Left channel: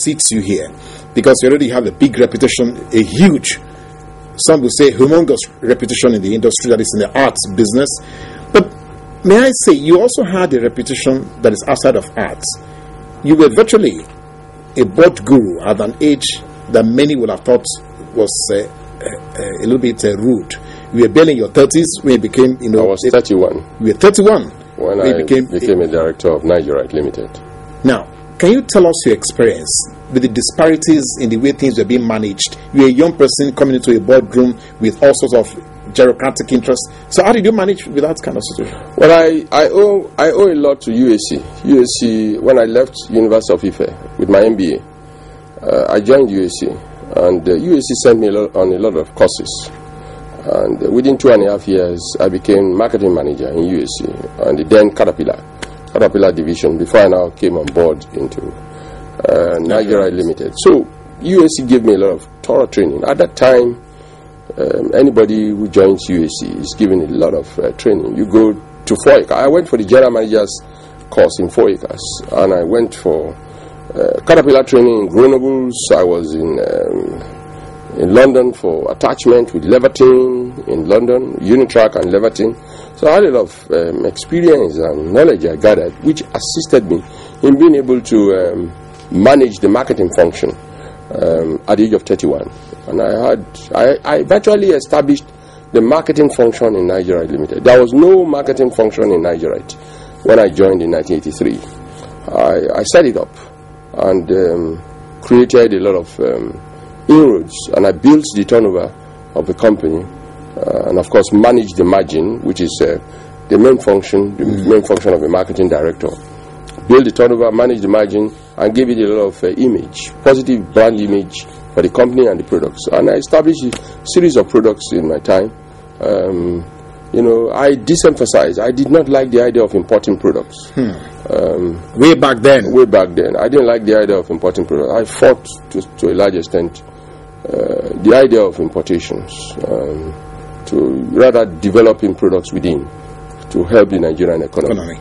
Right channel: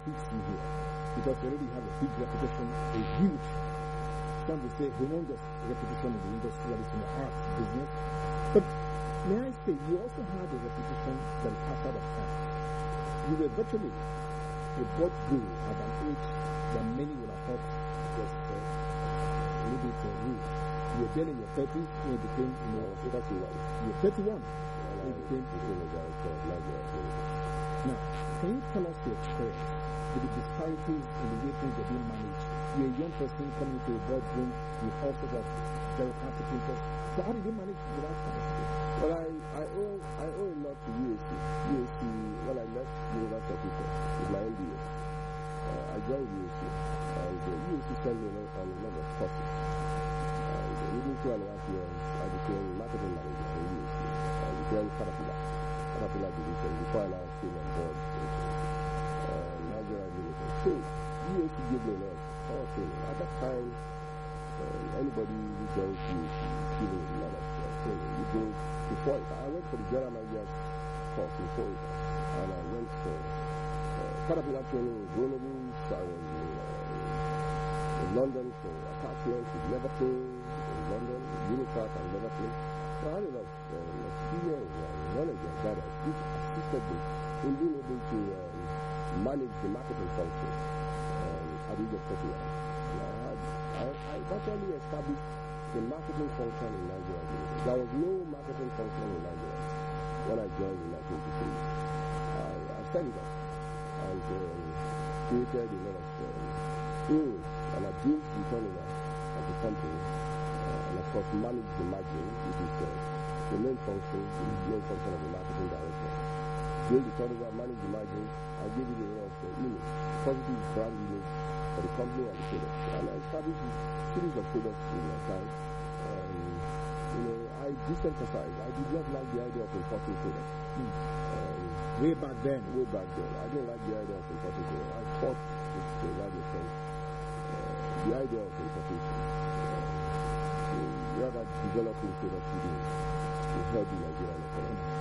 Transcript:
seats you here? Because you already have a big reputation, a huge, some will say humongous reputation in the industry, that is in the arts business. But may I say, you also had a reputation that is outside of arts. You were virtually a board guru at an age that many would have thought was a little bit rude. You were barely in your 30s when you became, I was 31. You were 31 when I became a director of Nigerian Art Limited. Now, can you tell us your experience with the disparities in the way things were being managed? You're a young person coming into a boardroom with all sorts of bureaucratic interests. So how did you manage with that kind of situation? Well, I owe a lot to UAC. UAC, when I left University of Ife with my MBA, I joined UAC, and UAC sent me on a lot of courses. And within 2.5 years, I became marketing manager in UAC and the then Caterpillar division, before I now came on board into Nigeria Limited. So UAC gave me a lot of thorough training. At that time, anybody who joins UAC is given a lot of training. You go to 4 acres. I went for the general manager's course in 4 acres, and I went for Caterpillar training in Grenoble. I was in London for attachment with Leverton in London, Unitrack and Leverton. So I had a lot of experience and knowledge I gathered, which assisted me in being able to manage the marketing function at the age of 31. And I virtually established the marketing function in Nigeria Limited. There was no marketing function in Nigeria when I joined in 1983. I set it up and created a lot of inroads, and I built the turnover of the company, and of course managed the margin, which is the main function, main function of a marketing director. Build the turnover, manage the margin, and give it a lot of image, positive brand image for the company and the products. And I established a series of products in my time. I de-emphasized. I did not like the idea of importing products. Way back then? Way back then. I didn't like the idea of importing products. I fought to a large extent the idea of importations, to rather developing products within to help the Nigerian economy.